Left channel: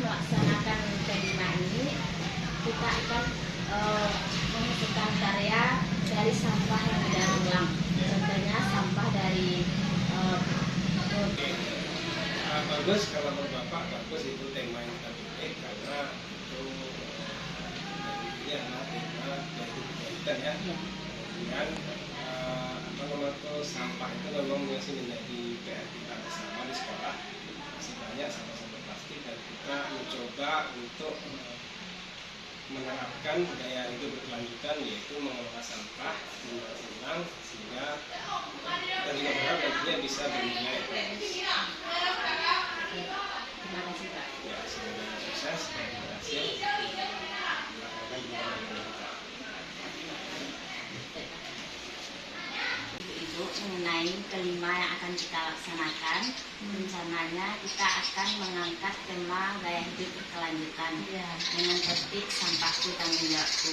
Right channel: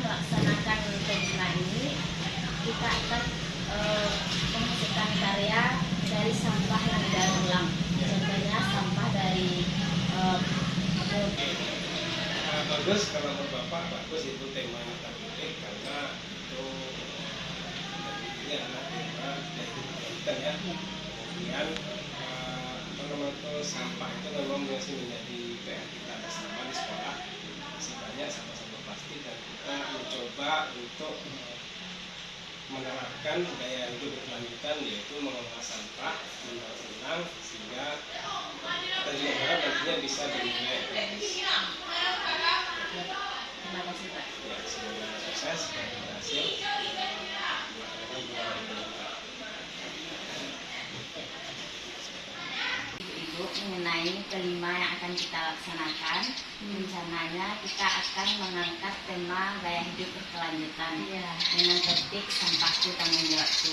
melaksanakan tema ini, kita akan menghasilkan karya dari sampah yang didaur ulang. Contohnya sampah dari bagus kalau menurut Bapak, bagus itu tema yang terpilih karena itu dari anak tema dari pendidikan ya. Kemudian sampah itu memang masih menjadi PR kita bersama di sekolah. Masih banyak sampah-sampah plastik dan kita mencoba untuk menerapkan budaya hidup berkelanjutan, yaitu mengelola sampah mendaur ulang sehingga kita juga berharap nantinya bisa bernilai ekonomis. Terima kasih Pak. Ya, semoga sukses dan berhasil. Ibu mengenai kelima yang akan kita laksanakan, rencananya kita akan mengangkat tema gaya hidup berkelanjutan dengan topik sampahku tanggung jawabku.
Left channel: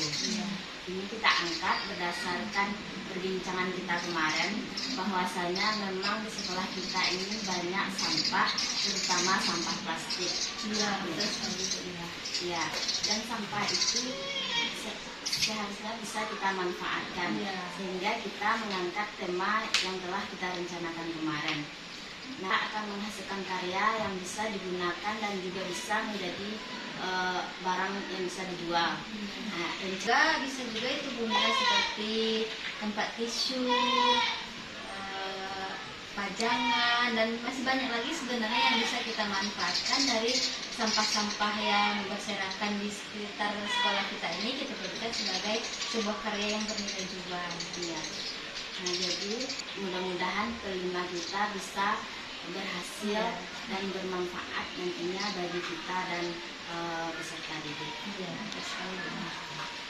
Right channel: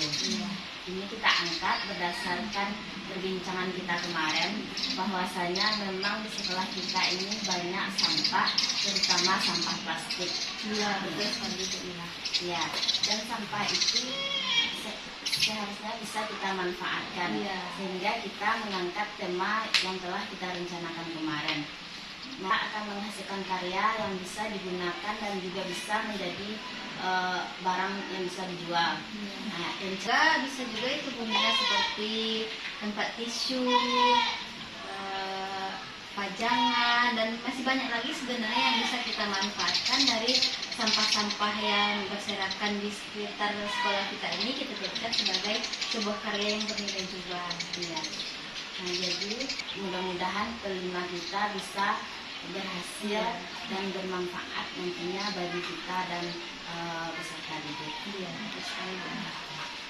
Ini kita angkat berdasarkan perbincangan kita kemarin, bahwasanya memang di sekolah kita ini banyak sampah, terutama sampah plastik. Betul sekali Bu. Dan sampah itu seharusnya bisa kita manfaatkan, sehingga kita mengangkat tema yang telah kita rencanakan kemarin. Nah, akan menghasilkan karya yang bisa digunakan dan juga bisa menjadi barang yang bisa dijual. Nah, juga bisa juga itu benda seperti tempat tisu, pajangan, dan masih banyak lagi sebenarnya yang bisa kita manfaatkan dari sampah-sampah yang berserakan di sekitar sekolah kita ini. Kita jadikan sebagai sebuah karya yang bernilai juga. Nah, jadi mudah-mudahan kelima kita bisa berhasil dan bermanfaat nantinya bagi kita dan peserta didik.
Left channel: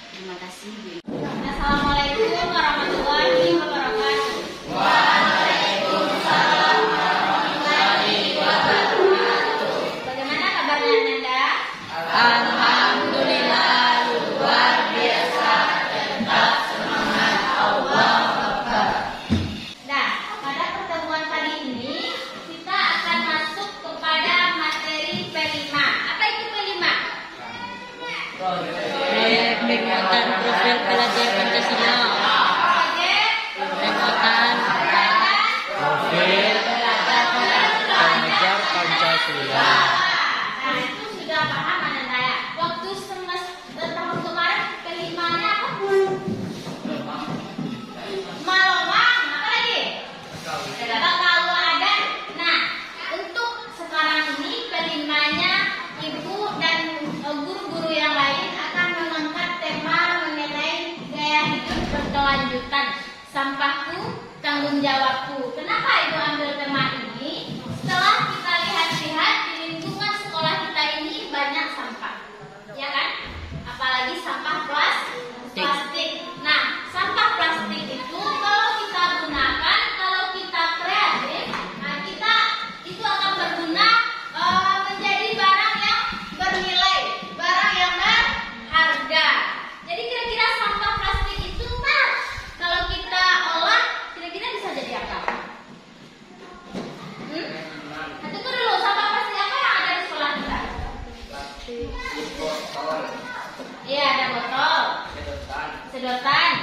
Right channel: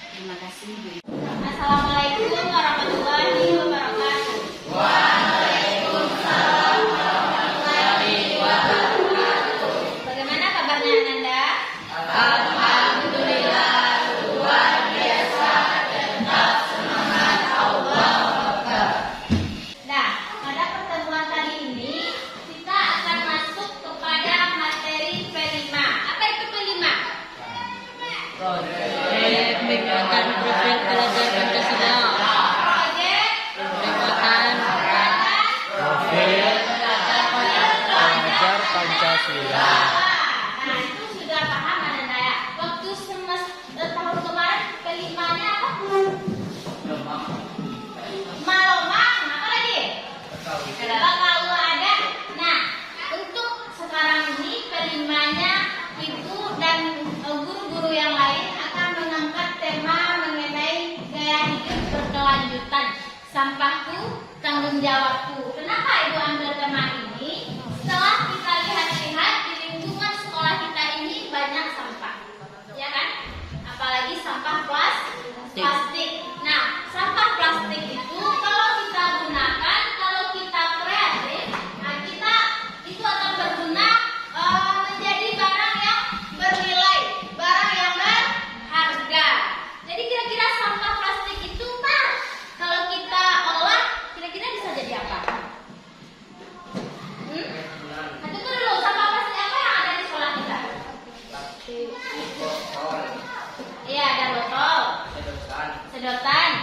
Terima kasih Bu. Assalamualaikum warahmatullahi wabarakatuh. Waalaikumsalam warahmatullahi wabarakatuh. Bagaimana kabarnya Anda? Alhamdulillah, luar biasa, tetap semangat Allah. Nah, pada pertemuan kali ini kita akan masuk kepada materi P5. Apa itu P5? Proyek peningkatan kultur pelajar Pancasila. Proyek Peningkatan Profil pelajar Pancasila. Nah, itu sudah paham Anda ya. Waktu tahun kemarin kelimanya apa? Malomang, apa lagi? Kalau ada. Nah, untuk sekarang ini kelimanya Ibu dan guru-guru yang lain akan mengangkat tema mengenai gaya hidup berkelanjutan. Sampahku, tanggung jawabku. Kenapa Ibu ambil tema ini? Setelah kita lihat-lihat di lingkungan sekolah kita ini banyak sampah, ya kan? Apalagi sampah plastik. Nah, sampah plastik itu kalau kita gunakan, kalau kita kreatif, nah kita itu akan berguna menjadi barang yang bernilai, barang yang berharga. Jadi kira-kira sampah plastik itu kalau kita olah, kira-kira bisa jadi apa? Nah, tunggu dulu, sampah plastik apa yang ada di sekolah kita? Iya, ada botol, sedotan,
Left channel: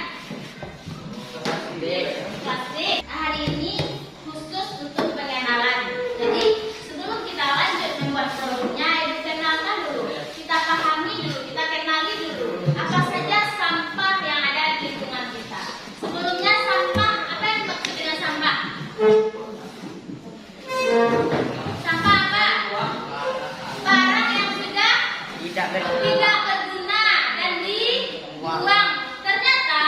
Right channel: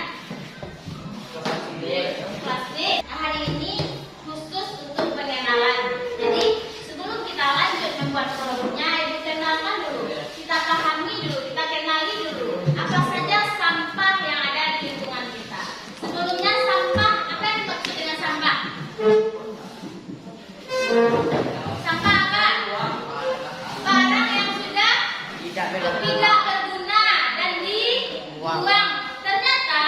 plastik. Hari ini khusus untuk pengenalan. Jadi sebelum kita lanjut membuat produknya, Ibu kenalkan dulu, kita pahami dulu, kita kenali dulu apa saja sampah yang ada di lingkungan kita. Sebelumnya sampah, apa yang dimaksud dengan sampah? Sampah apa? Barang yang sudah tidak berguna dan dibuang. Ternyata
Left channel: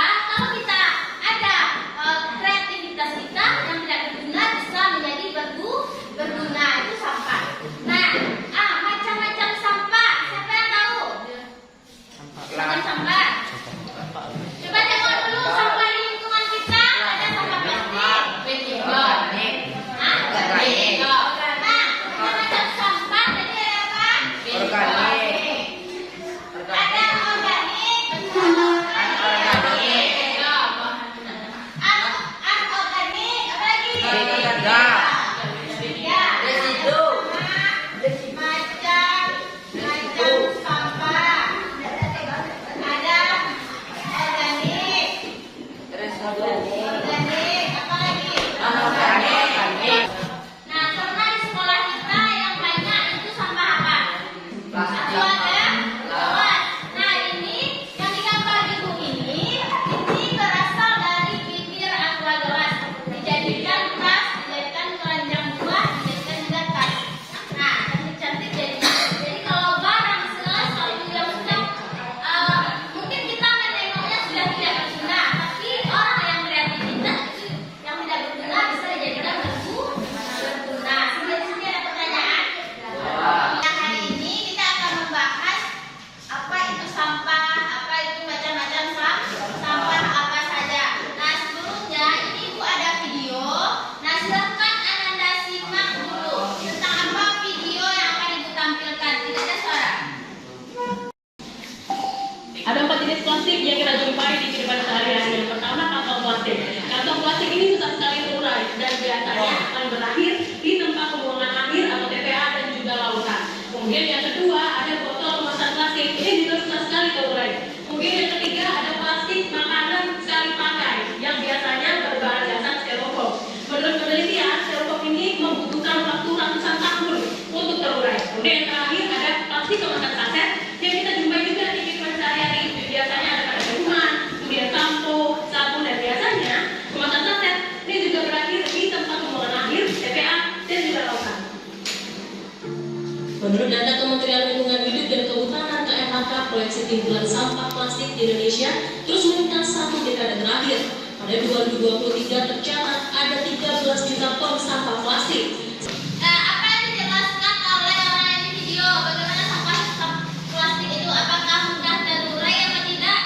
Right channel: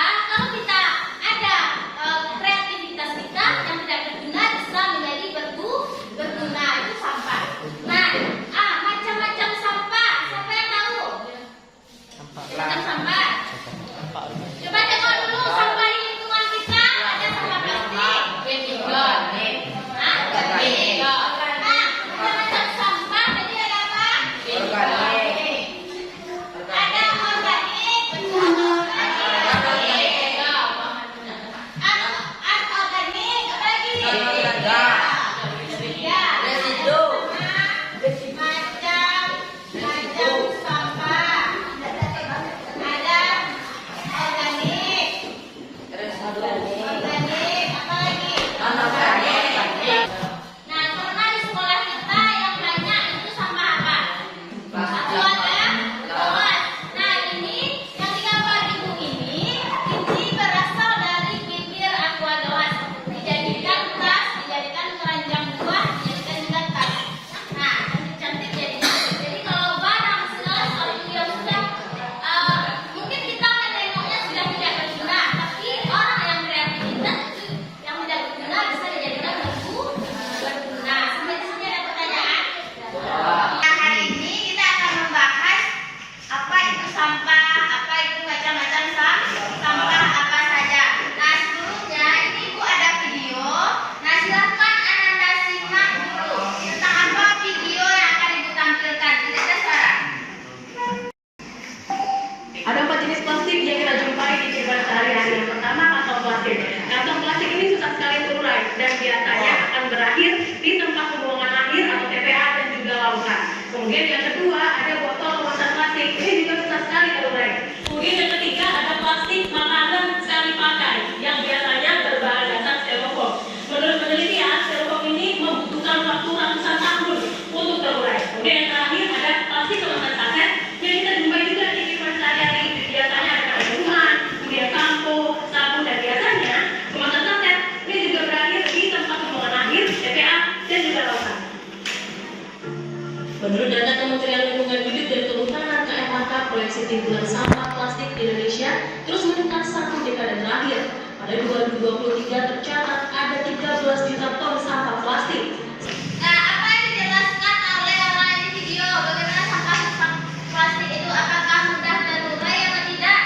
plastik yang kita jumpai di kehidupan sehari-hari. Yang pertama, kantong plastik. Kantong plastik ini susah sekali terurai dan biasanya akan berakhir di tempat pembuangan akhir atau TPA dan juga lautan. Kemudian yang kedua, ada botol kemasan plastik. Ini juga susah sekali terurai. Kemudian yang ketiga, ada plastik makanan sekali pakai yang biasanya berbahan dasar styrofoam. Menurut penelitian, styrofoam ini membutuhkan waktu ratusan tahun untuk terurai. Kemudian yang terakhir, ada plastik kemasan saset yang kita jumpai juga di kehidupan sehari-hari. Biasanya ada pada rumah, kemudian sampo, sabun, dan biasanya kemasan saset ini juga berakhir di tempat pembuangan akhir, TPA, dan juga lautan. Menurut data Kementerian Lingkungan Hidup dan Kehutanan KMHK, proyeksi timbulan sampah plastik di Indonesia terus meningkat 1 dekade terakhir. Pada 2023 tercatat ada 13 juta ton sampah plastik. Apa yang dijelaskan oleh orang di video bagaimana sampah plastik itu apakah mudah terurai atau tidak?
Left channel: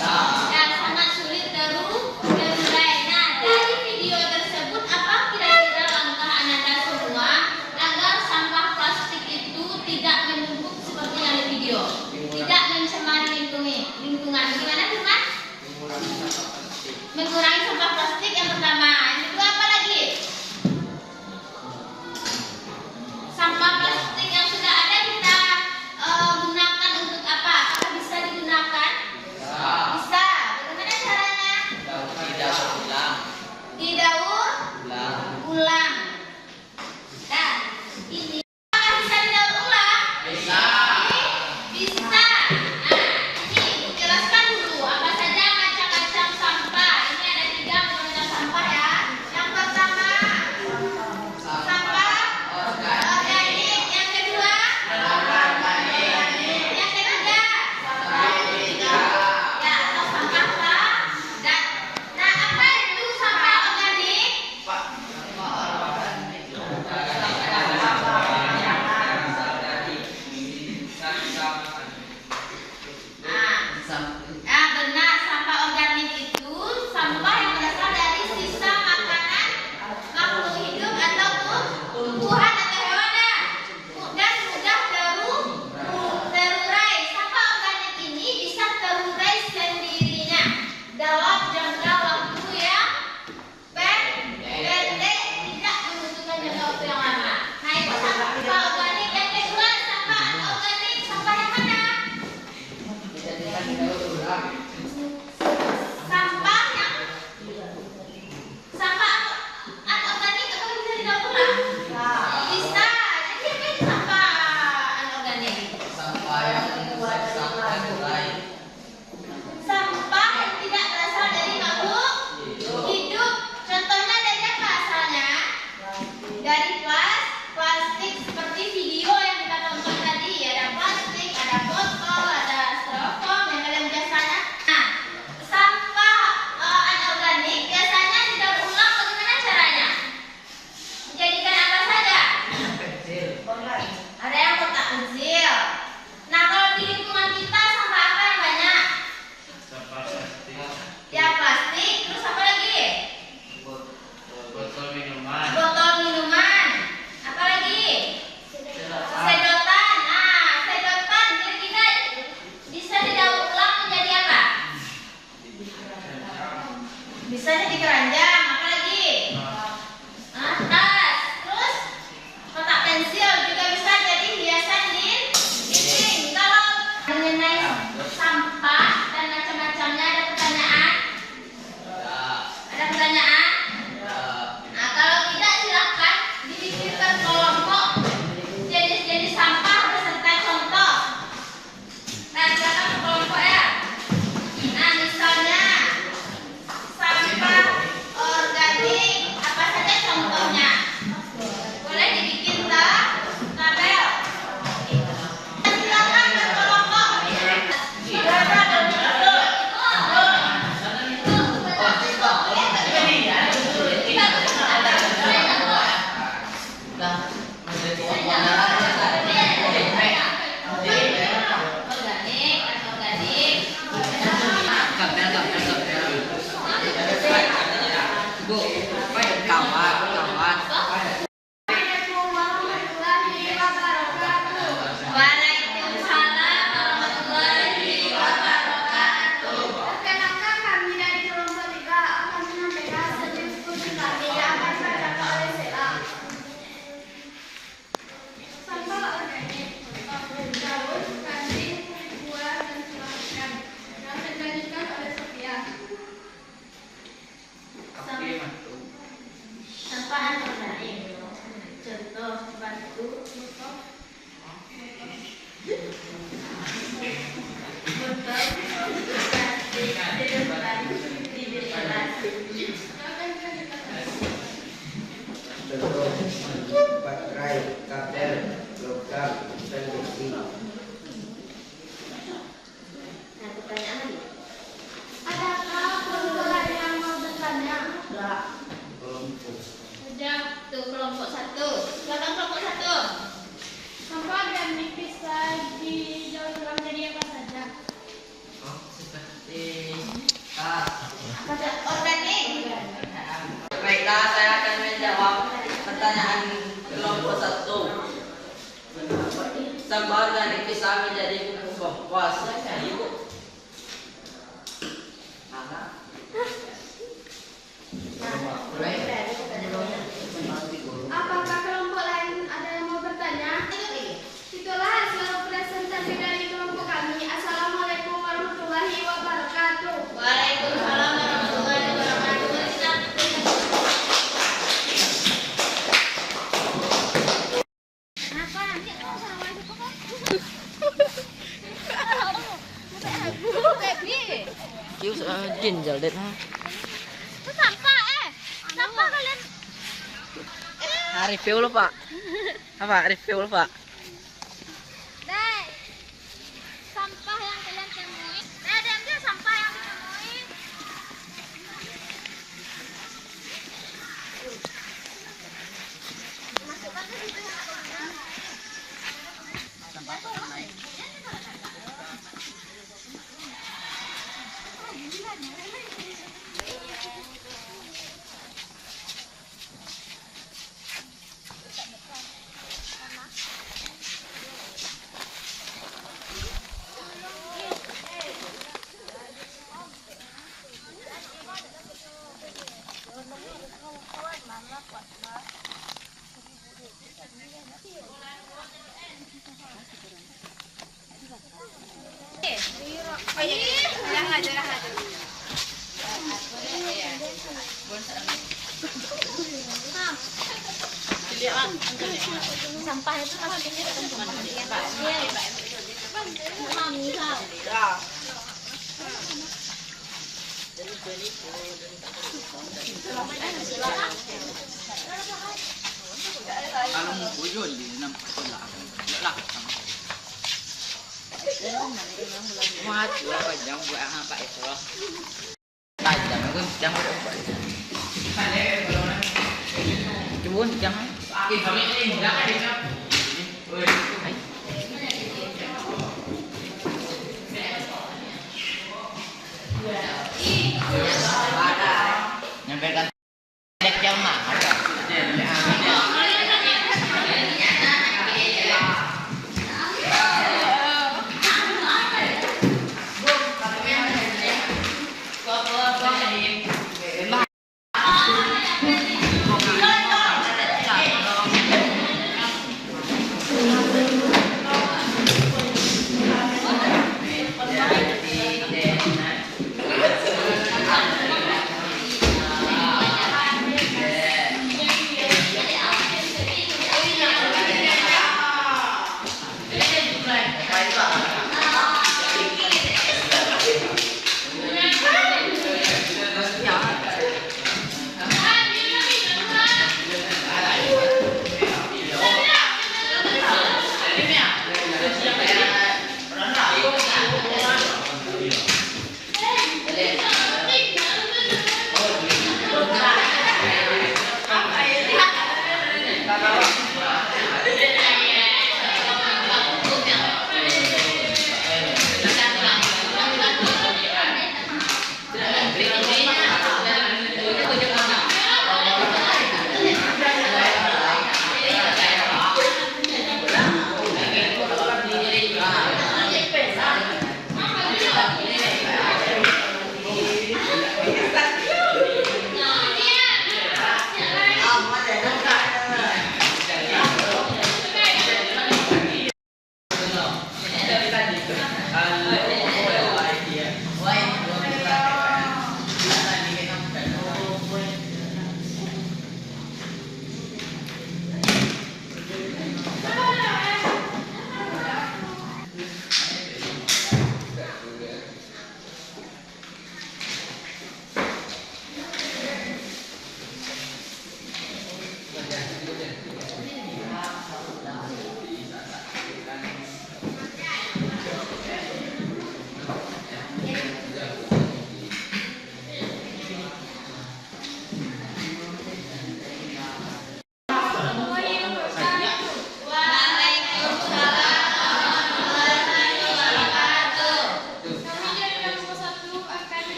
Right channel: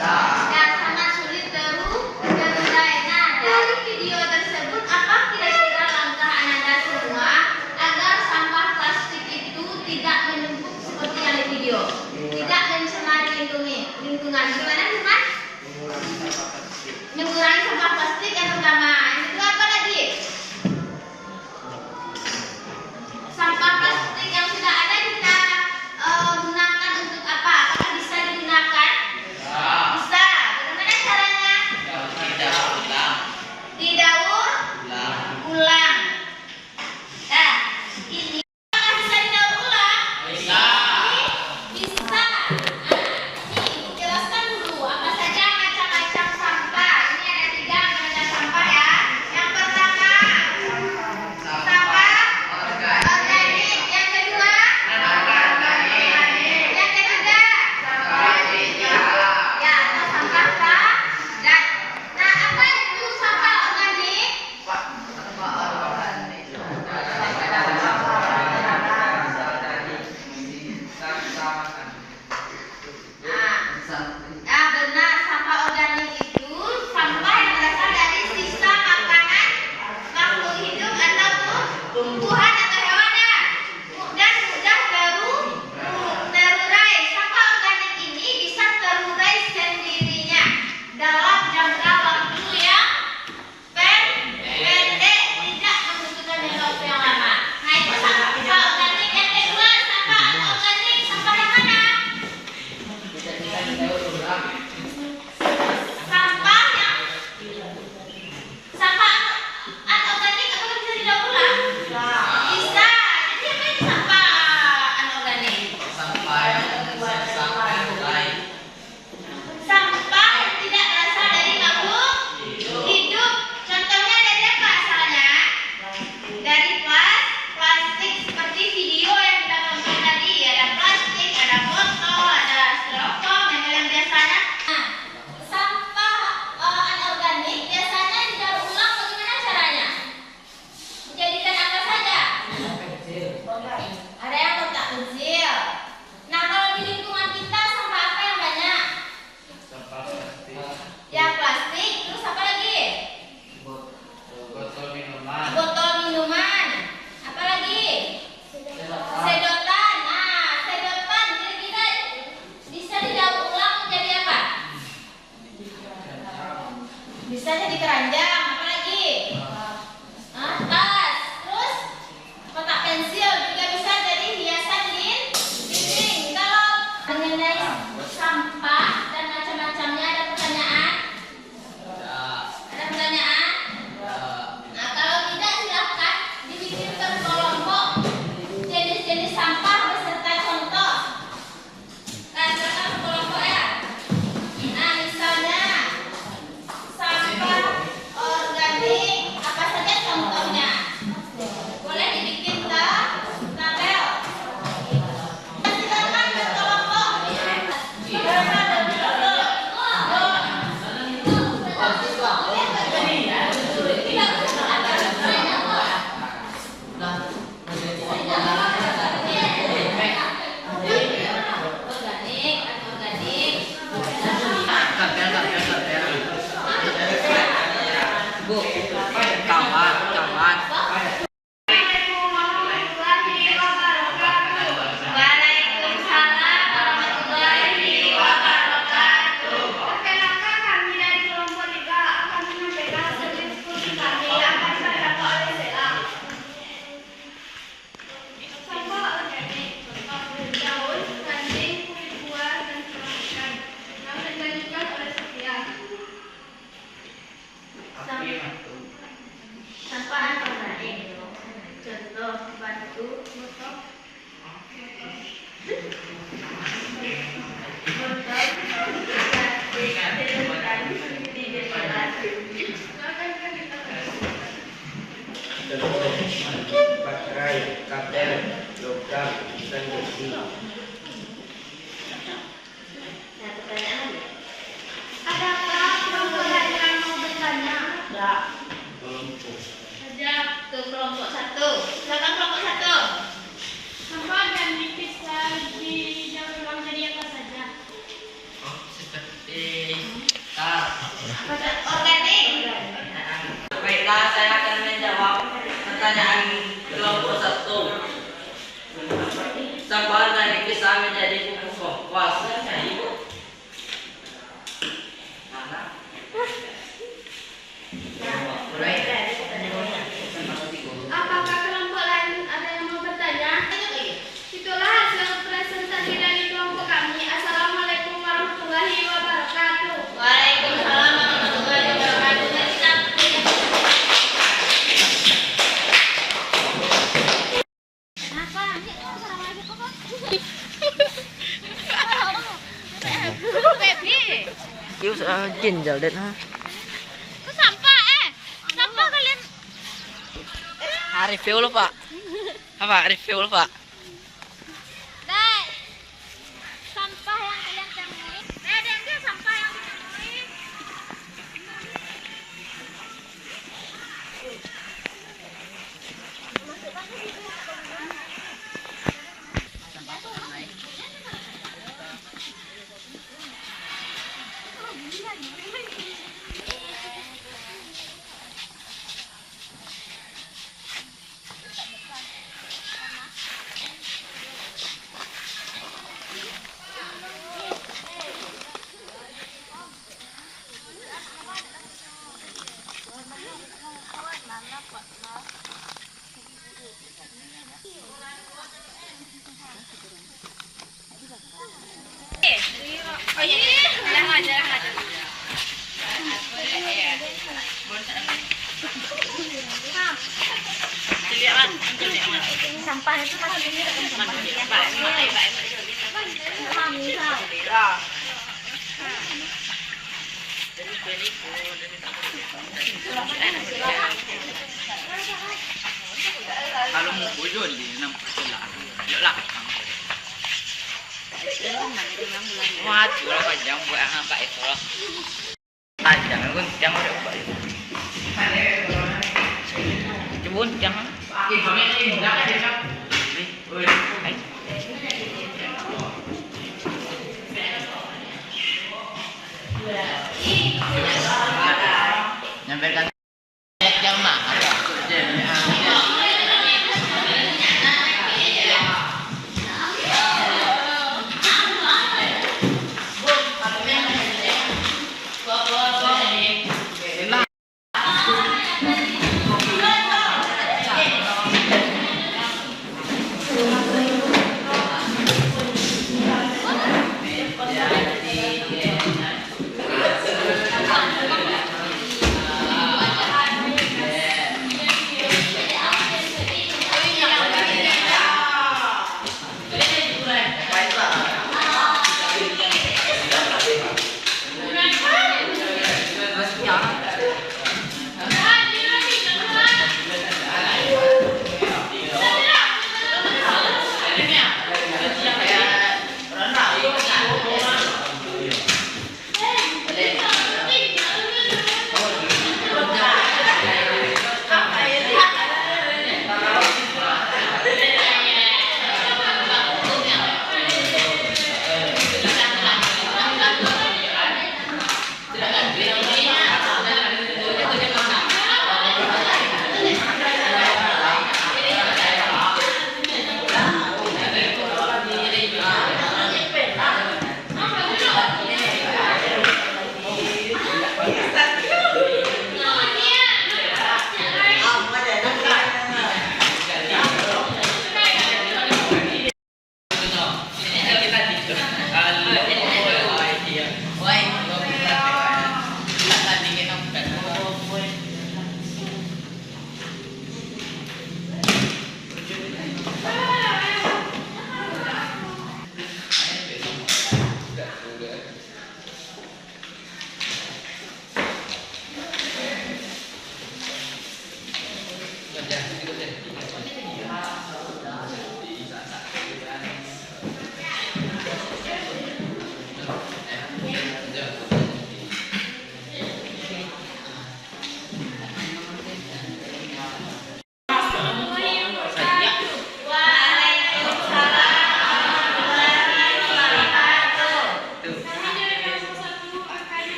Ya, sangat sulit terurai. Nah, dari video tersebut apa kira-kira langkah Ananda semua agar sampah plastik itu tidak menumpuk seperti yang di video, tidak mencemari lingkungan. Gimana bukan? Mengurangi sampah plastik yang pertama. Yang kedua apa lagi? Sampah plastik yang sudah ada kita gunakan untuk apa? Apakah bisa digunakan? Bisa. Bagaimana caranya? Didaur ulang. Nah, ini apakah bisa didaur ulang? Bisa. Bisa. Nah, ini jelaskan dulu apa saja macam-macam sampah. Ini ada 3 macam sampah ya. Yang pertama sampah organik. Yang kedua yang ketiga ya atau sampah padat. Nah, apa itu sampah organik? Nah, benar, sampah organik itu sampah yang berasal dari sisa makanan makhluk hidup atau tumbuhan atau hewan ya, dan mudah terurai. Sampah organik ini bisa terurai sendirinya dalam jangka waktu yang pendek, tidak membutuhkan jangka waktu yang lama. Nah, itu sampah organik. Yang kedua, sampah organik sampah yang mana? baterai, kabel, logam, dan besi. Nah, pertanyaan. Apakah kelompok lain yang mau bertanya? Enggak. Kelompok. Ada tuh kelompok 1. Silakan kelompok 1. Sampah dan nipis di dalam ruang tadi apa saja? Pada organik. Baiklah, saya akan menjawab pertanyaan kelompok 1. Sampah dari kisah menjadi pupuk kompos. Mana? Apakah kelompok lain ada yang mau bertanya? Itulah hasil presentasi dari kelompok kami. Assalamualaikum warahmatullahi wabarakatuh. Waalaikumsalam warahmatullahi wabarakatuh. Apa nanti assalamualaikum kok? Baby. Yêu ginjal deh. Itu sampah sampah kalian. Review lo Pak. Apa review lo Pak? Dek. Sampah yang kalian temui. Ada dia sampah yang ditemui. Masukkan ke situ. Oh iya, jangan. Sampah itu maksudnya Kalau mau bujur di enam lah. Muat berapa jam buat anak Pak Eko? Panjang aku jam berapa? Cebun jam. Nyampaikan jam mana?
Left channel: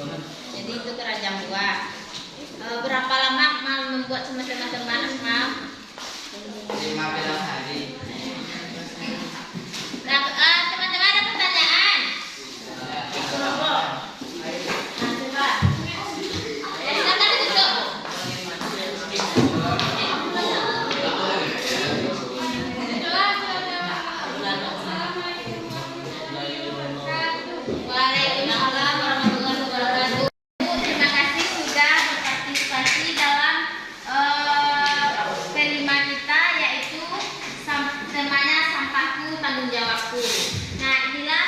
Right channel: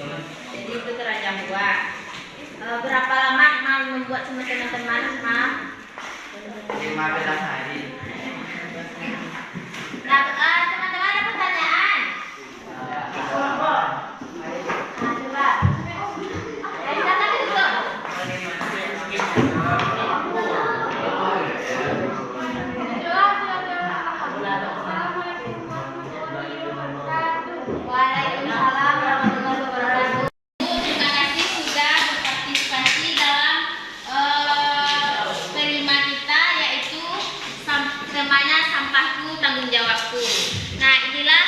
Jadi itu keranjang buah. Berapa lama mau membuat sama teman-teman? 15 hari. Nah, teman-teman ada pertanyaan? Coba. Silakan ditutup. Waalaikumsalam warahmatullahi wabarakatuh. Terima kasih sudah berpartisipasi dalam P5 kita, yaitu temanya sampahku tanggung jawabku. Nah, inilah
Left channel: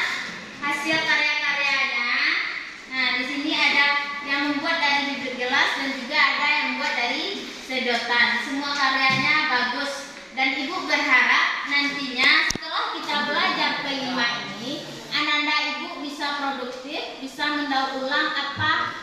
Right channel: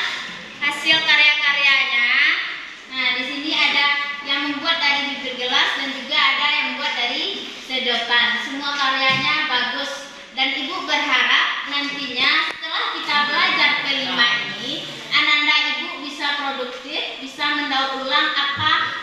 hasil karya-karyanya. Nah, di sini ada yang membuat dari bibir gelas dan juga ada yang membuat dari sedotan. Semua karyanya bagus dan Ibu berharap nantinya setelah kita belajar P5 ini, anak-anak Ibu bisa produktif, bisa mendaur ulang apa